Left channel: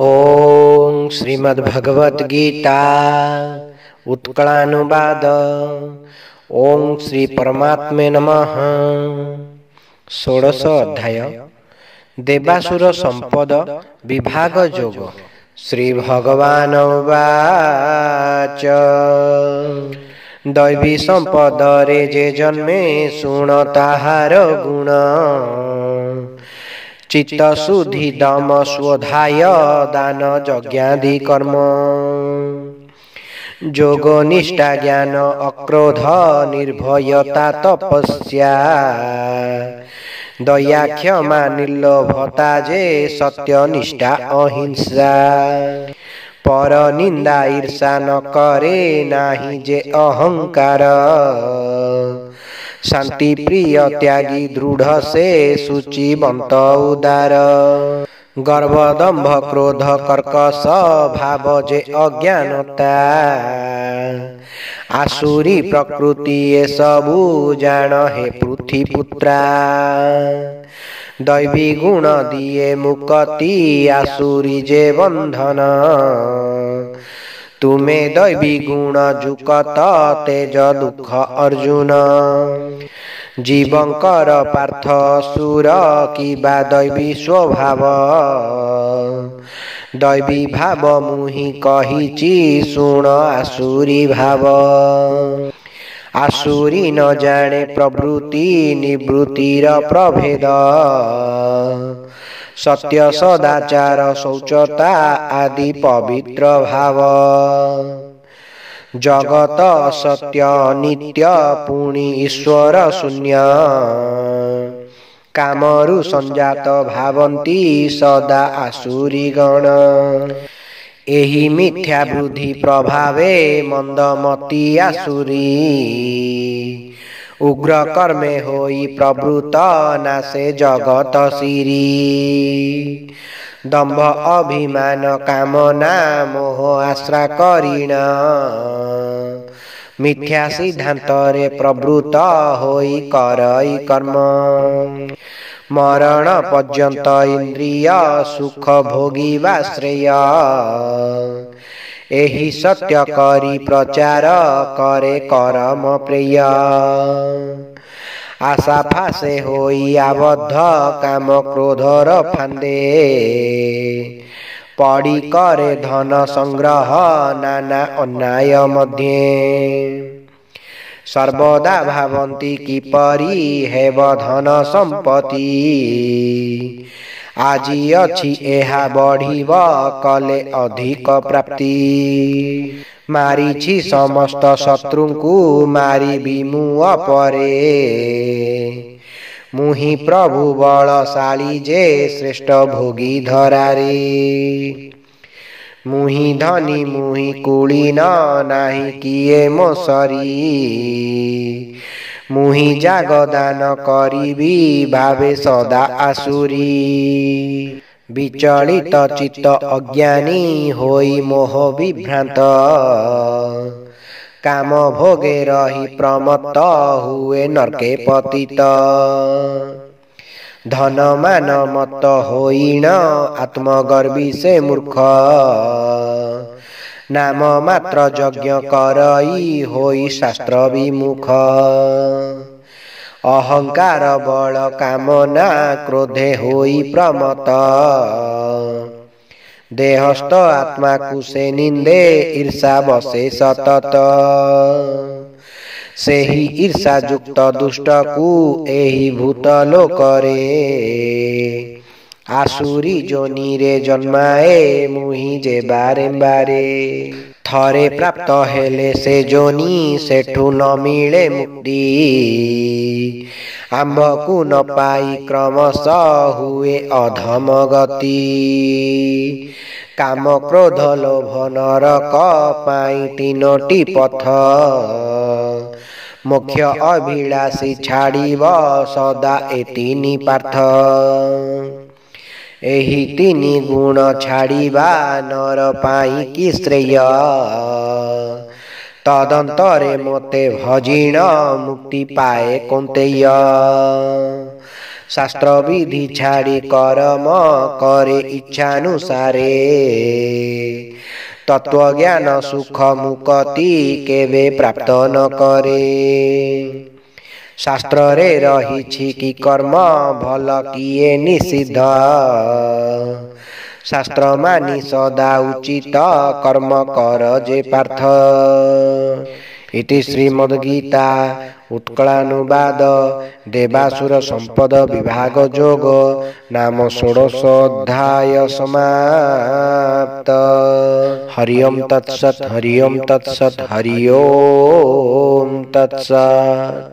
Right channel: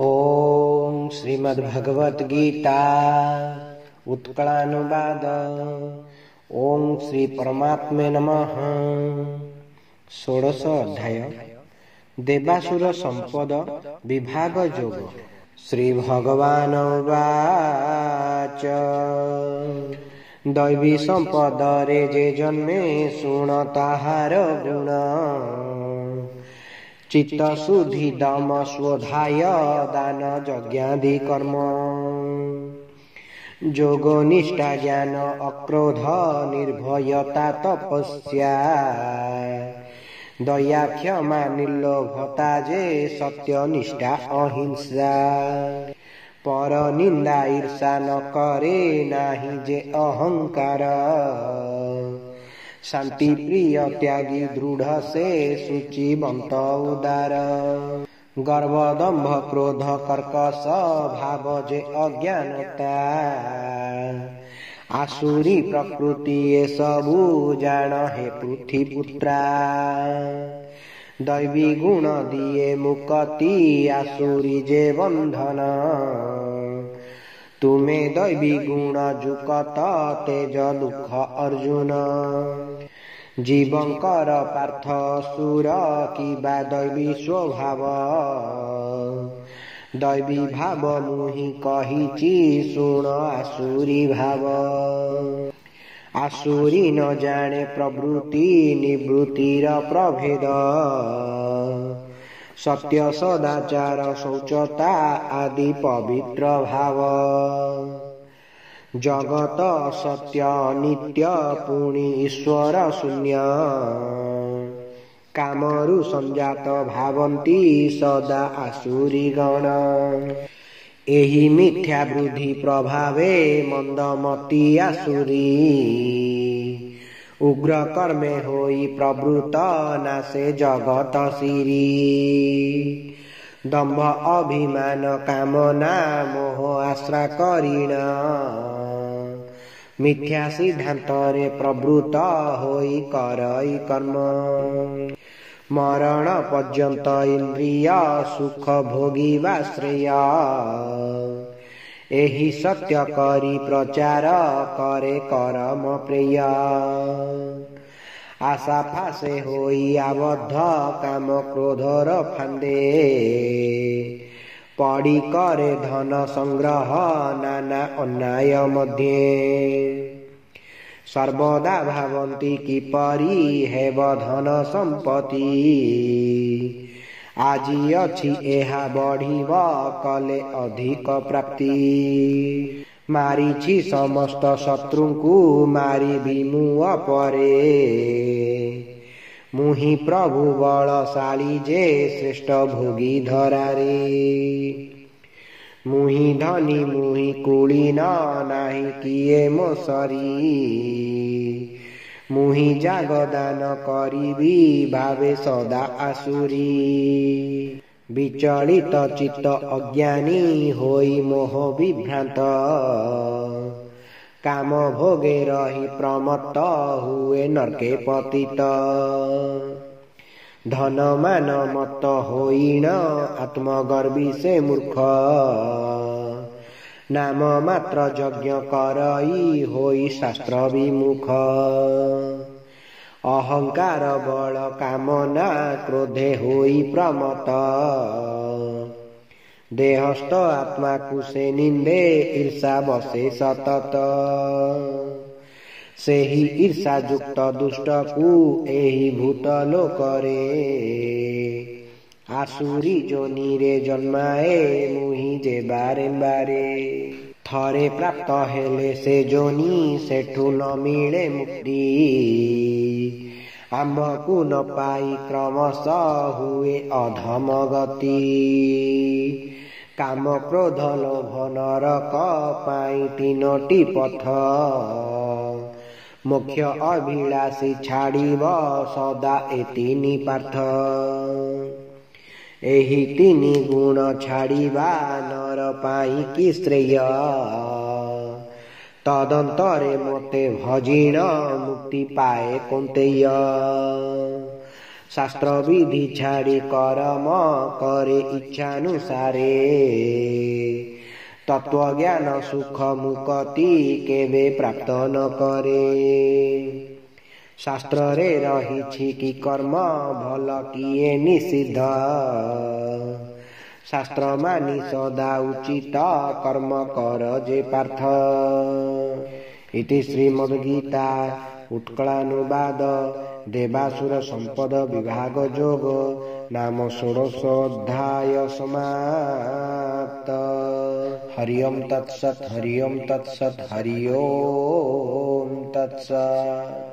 ओम श्रीमद्भगवत गीता उत्कलानुवाद। ओम श्री परमात्मे नमः। षोडश अध्याय देवासुर संपद विभाग योग। श्री भगवान उवाच दैवी संपद रे जे जन्मे शुण ताहार गुण चित्त शुद्धि दम स्वधाय दान यज्ञादि कर्म जोग निष्ठा ज्ञान अक्रोध निर्भयता तपस्या दया क्षमा निर्लोभता जे सत्य निष्ठा अहिंसा पर निंदा ईर्षा न करे नाही जे अहंकार शांति प्रिय त्यागी दृढ़ से शुचिवंत उदार गर्व दंभ क्रोध कर्कश भाव जे अज्ञानता आसुरी प्रकृति ये सबू जान हे पृथ्वीपुत्रा दैवी गुण दिए मुक्ति आसुरी जे बंधन तुम्हें दैवी गुण जुकत तेज दुख अर्जुन जीवंकर पार्थ सुर की बा दैवी स्वभाव दैवी भाव मुहि कहिची सुण आसुरी भाव आसुरी न जाने प्रवृत्ति निवृत्तिर प्रभेद सत्य सदाचार शौचता आदि पवित्र भाव जगत सत्य नित्य पुणी ईश्वर शून्य कामरु संजात भावंती सदा आसुरी गण एहि मिथ्या बुद्धि प्रभावे मंदमती आसुरी उग्र कर्मे होई प्रवृत्त नासे जगत सिरी दंभ अभिमान कामना मोह आश्रा करीण मिथ्या सिद्धांतरे प्रवृत्त होई करई कर्म मरण पर्यंत इंद्रिय सुख भोगिवा श्रेय एहि सत्य करी प्रचार करे करम प्रिय आशा फासे होई आबद्ध काम क्रोधर फांदे पड़ी करे धन संग्रह नाना अन्याय मध्य सर्वदा भावंती किपरि हेब धन संपत्ति आजी अछि एहा बढ़िब कले अधिक प्राप्ति मारिछि समस्त शत्रुंकु मारी विमु अपरे मुहि प्रभु बलशाली जे श्रेष्ठ भोगी धरारे मुहि धनी मुहि कुलीन नाही किए मोसरी मुहि जागदान करिबी भावे सदा आसुरी विचलित चित्त अज्ञानी होई मोह विभ्रांत काम भोगे रही प्रमत्त हुए नरके पतित धन मान मत होई न आत्मगर्वी से मूर्ख नाम मात्र यज्ञ करई होई शास्त्र विमुख अहंकार बल कामना क्रोधे होई प्रमत देहस्थ आत्मा कुसे निंदे ईर्षा बसे सतत सेहि ईर्षा युक्त दुष्ट कु एहि भूत लोकरे आसुरी जोनी रे जन्माए मुहि जे बारे बारे थरे प्राप्त हेले से जोनी सेठु न मिले मुक्ति आम्भ को न पाई क्रमश हुए अधम गति काम क्रोध लोभ नरक पाई तीनोटी पथ मुख्य अभिलाषी छाड़िब सदा ए तीनी पार्थ एहि तीनी गुण छाड़िबा नर पाई कि श्रेय तदंतरे मोते भजिण मुक्ति पाए कौंतेय शास्त्र विधि छाड़ी कर्म करे इच्छानुसारे तत्व ज्ञान सुख मुक्ति केवे प्राप्त न करे शास्त्र रे रही कि कर्म भल किए निषिद्ध शास्त्र मानी सदा उचित कर्म कर जे पार्थ इति श्रीमद्गीता उत्कलानुवाद देवासुर संपद विभाग जोग नाम षोडश अध्याय समाप्त। हरि ओम तत्सत् हरि ओम तत्सत् हरि ओम तत्सत्।